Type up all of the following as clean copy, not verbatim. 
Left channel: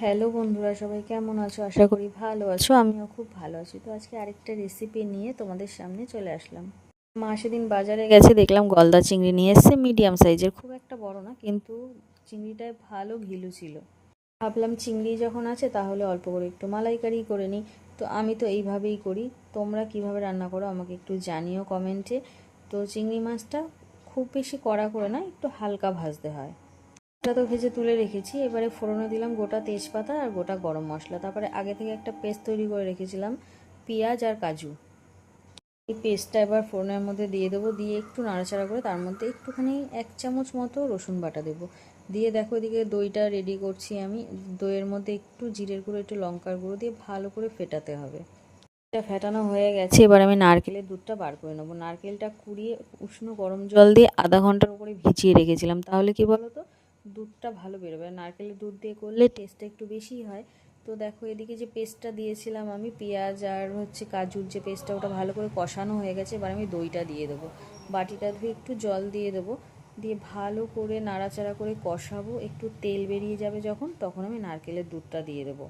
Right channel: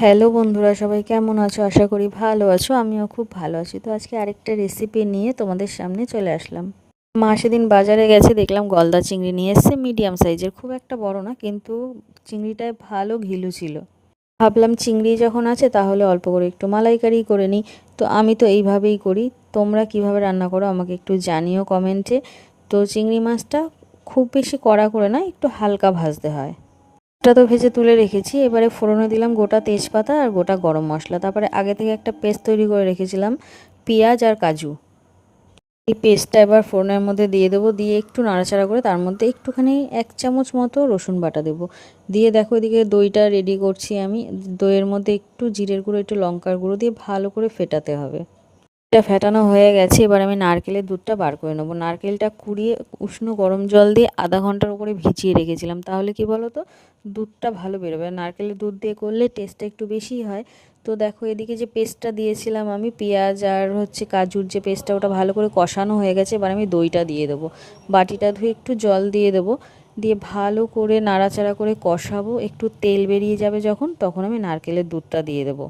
Hello বন্ধুরা, সবাই কেমন আছো? আশা করি ভালো আছো। আমিও খুব ভালো আছি। তো আজকে আরেকটা রেসিপি নিয়ে তোমাদের সামনে চলে আসলাম। মা সেদিন বাজারে গেছে, দেখলাম গলদা চিংড়ি নিয়ে এসছে, মিডিয়াম সাইজের, খুব একটা বড় না, কিন্তু চিংড়িটায় ভালো ঘিলু ছিল। ভাবলাম চিংড়ি যখন আছে তাহলে অল্প করে একটু মালাইকারি করে নিই। তো আমি তো এইভাবেই করি। তোমরা কিভাবে রান্না করো আমাকে একটু জানিও কমেন্টে। তো চিংড়ি মাছটা খুব বেশি কড়া করে না, একটু হালকা ভাজতে হয়। ওটা তো ভেজে তুলে রেখেছি। এবারে ফোড়নে দিলাম গোটা তেজপাতা আর গোটা গরম মশলা। তারপরে আগে থেকে একটা পেস্ট তৈরি করে রেখেছিলাম, পেঁয়াজ আর কাজু। এই পেস্টটা এবার ফোড়নের মধ্যে দিয়ে দেবো, দিয়ে একটু নাড়াচাড়া করে তার মধ্যে একটুখানি 1 চামচ মতো রসুন বাটা দেবো। দিয়ে দেখো এদিকে দইটা রেডি করছি আমি। দইয়ের মধ্যে একটু জিরের গুঁড়ো, একটু লঙ্কার গুঁড়ো দিয়ে ভালো করে ফেটাতে হবে। এটা ফেটানো হয়ে গেছে, এবার আমি নারকেলের দুধটা বার করে নেবো। নারকেলটা কুড়িয়ে উষ্ণ গরম জল দিয়ে আধা ঘন্টার উপরে ভিজিয়ে রেখেছিলাম, তাহলে কি বলো তো, দুধটা ভালো বেরোবে। নারকেলের দুধ দিয়ে করলে টেস্টটা একটু বেশি হয়। তো দেখো এদিকে যে পেস্টটা দিয়েছিলাম আমি, পেঁয়াজ আর কাজুর যে পেস্টটা, ওটা ভালো করে কষানো হয়ে গেছে। এবার আমি দইটা দিয়ে দেবো, বাটিটা ধুয়ে একটু জল দিয়ে দেবো, দিয়ে ভালো করে নাড়াচাড়া করে কষাবো। একটু তেল বেরিয়ে যাবে যখন, তখন আমি নারকেলের দুধটা দিয়ে দেবো।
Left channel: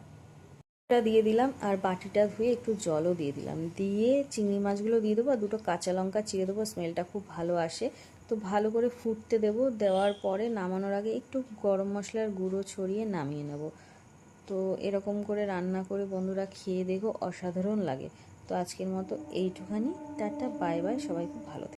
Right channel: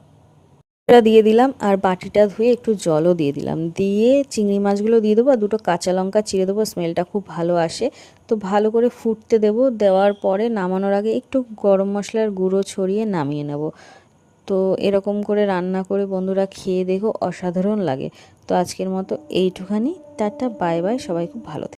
এটা দিয়ে দিলাম আর বাটিটা ধুয়ে একটু জলও দিয়ে দিলাম, দিয়ে চিংড়ি মাছগুলো দিয়ে দেবো আর দুটো কাঁচা লঙ্কা চিড়ে দেবো, স্মেলটা খুব ভালো আসে। তো ভালো করে ফুটতে দেবো, দেওয়ার পরে নামানোর আগে একটু গরম মশলার গুঁড়ো ছড়িয়ে নামিয়ে নেব। তো এরকম করে রান্না করে বন্ধুরা খেয়ে দেখো, অসাধারণ লাগে। তো আজকের মতো এইটুখানি। টাটা, বাই বাই, সবাই খুব ভালো থেকো।